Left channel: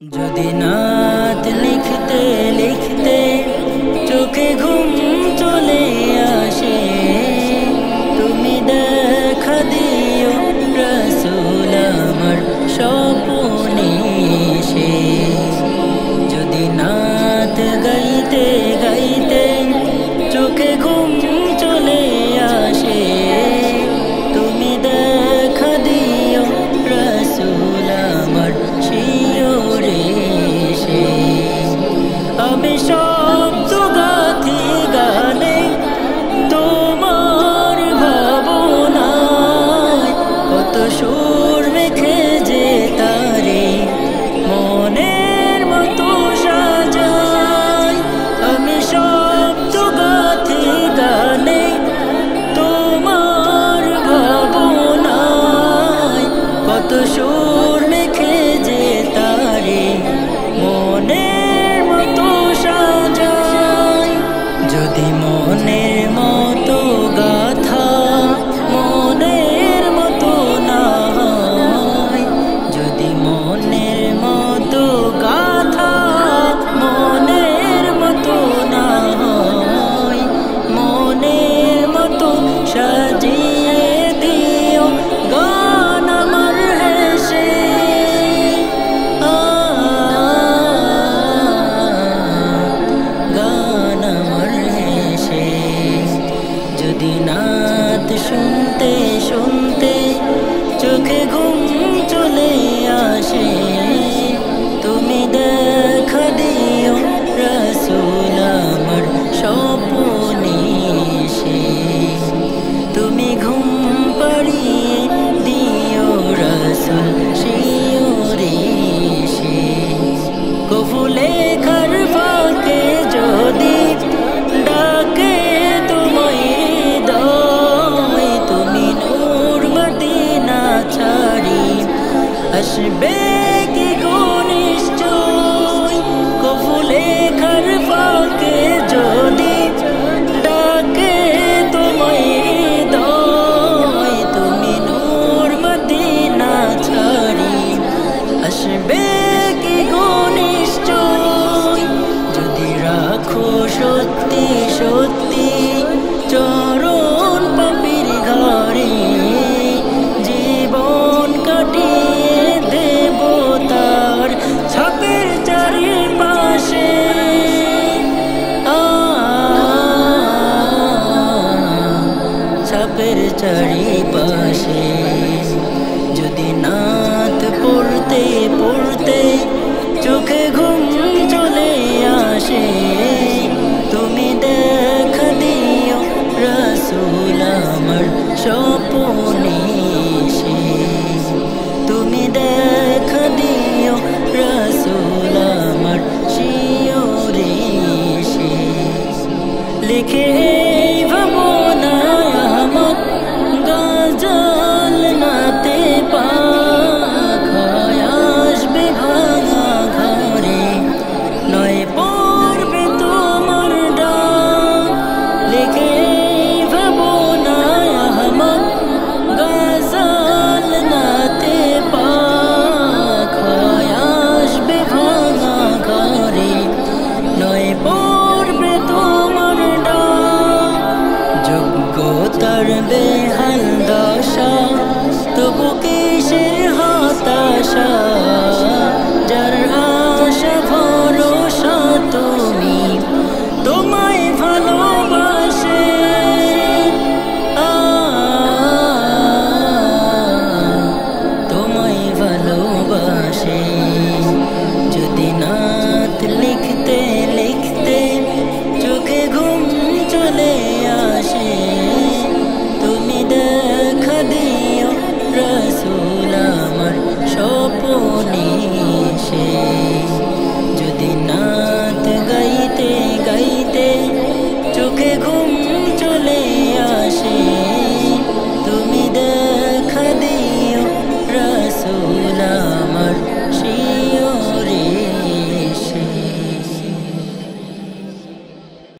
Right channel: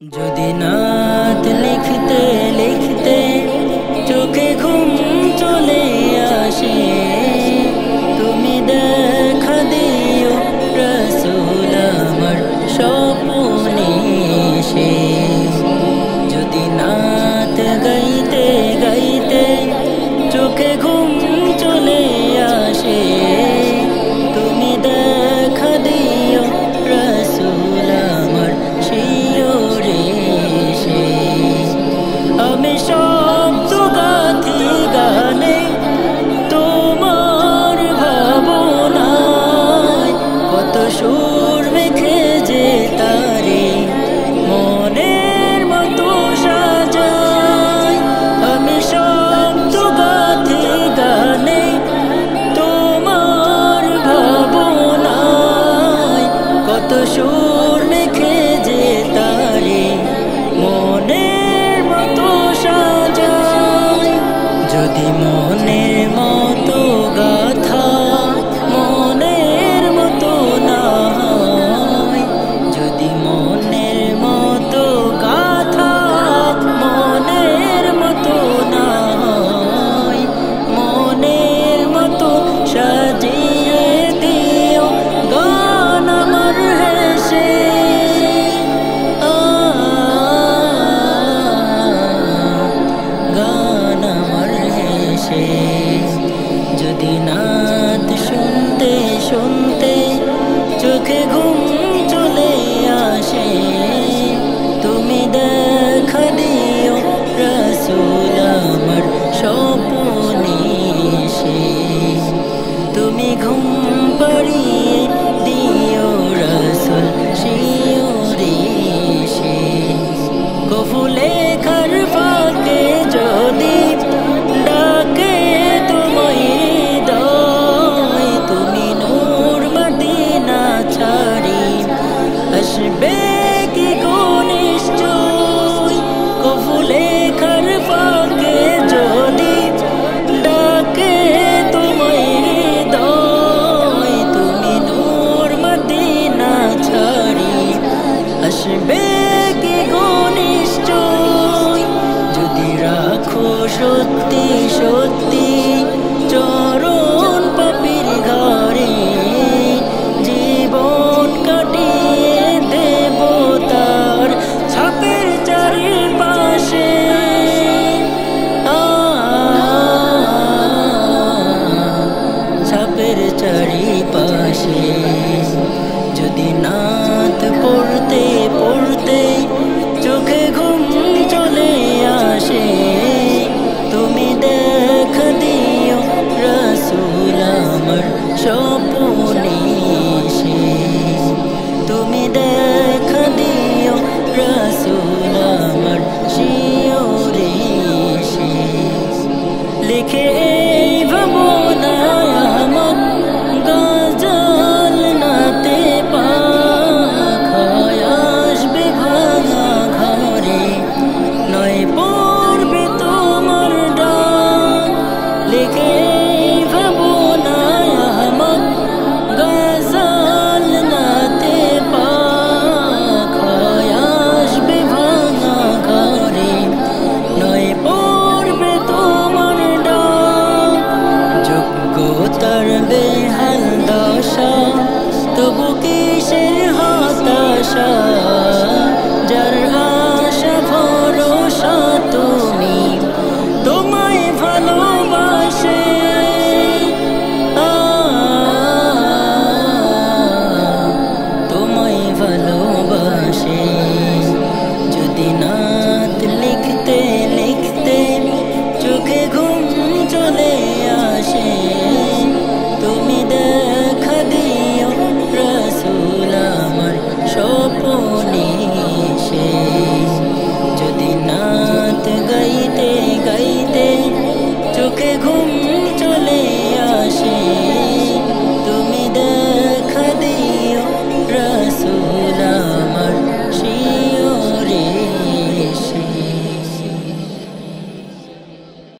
যদি নাত লিখতে লিখতে চোখে ঘুম চলে আসে, তুমি দেখা দিও রাসূল আমার স্বপ্নে এসে। যদি নাত গাইতে গাইতে চোখে ঘুম চলে আসে, তুমি দেখা দিও রাসূল আমার শিয়রে এসে। আমি শব্দ গাথি গানে তোমার ভাবনায়, কত সুর মেখে যে তারে মনের মতো সাজাই। আমি শব্দ গাথি গানে তোমার ভাবনায়, কত সুর মেখে যে তারে মনের মতো সাজাই। যদি মনের মতো গাথা মনের মতো না হয়, যদি মনের মতো গাথা মনের মতো না হয়, মনের মতো সাজিয়ে দিও গান আমার হেসে। গান আমার হেসে। যদি নাত শুনতে শুনতে চোখে ঘুম চলে আসে, তুমি দেখা দিও রাসূল আমার স্বপ্নে এসে। তুমি ঘুম পাড়িয়ে দিও রাসূল শিয়রে এসে। কফুলে খার ফাঁকে যদি ডাকে তোমায় হৃদয়, তুমি নূর মদিনা ছাড়ি আসবে কি গো নিশ্চয়। কফুলে খার ফাঁকে যদি ডাকে তোমায় হৃদয়, তুমি নূর মদিনা ছাড়ি আসবে কি গো নিশ্চয়। যদি রাখো সত্যি সত্যি চরণ পাপীর ঘরে, জীবন কাটিয়ে দেব তার ছাপের চারিপাশে। ছাপের চারিপাশে। যদি নাত পড়তে পড়তে চোখে ঘুম চলে আসে, তুমি দেখা দিও রাসূল আমার স্বপ্নে এসে। তুমি দেখা দিও রাসূল আমার শিয়রে এসে। লিখে ভাবনায় আহমদ গজল নাতে পাখায় আসবে ভাঙা ঘরে, নয় পড়বে তোমার ডাক। লিখে ভাবনায় আহমদ গজল নাতে পাখায় আসবে ভাঙা ঘরে, নয় পড়বে তোমার ডাক। যোগ্যতার বেহাল দশা তবু কিসের হতাশা, যার আশা ভরসা তুমি তোমায় ভালোবাসে। তোমায় ভালোবাসে। যদি নাত লিখতে লিখতে চোখে ঘুম চলে আসে, তুমি দেখা দিও রাসূল আমার স্বপ্নে এসে। যদি নাত গাইতে গাইতে চোখে ঘুম চলে আসে, তুমি দেখা দিও রাসূল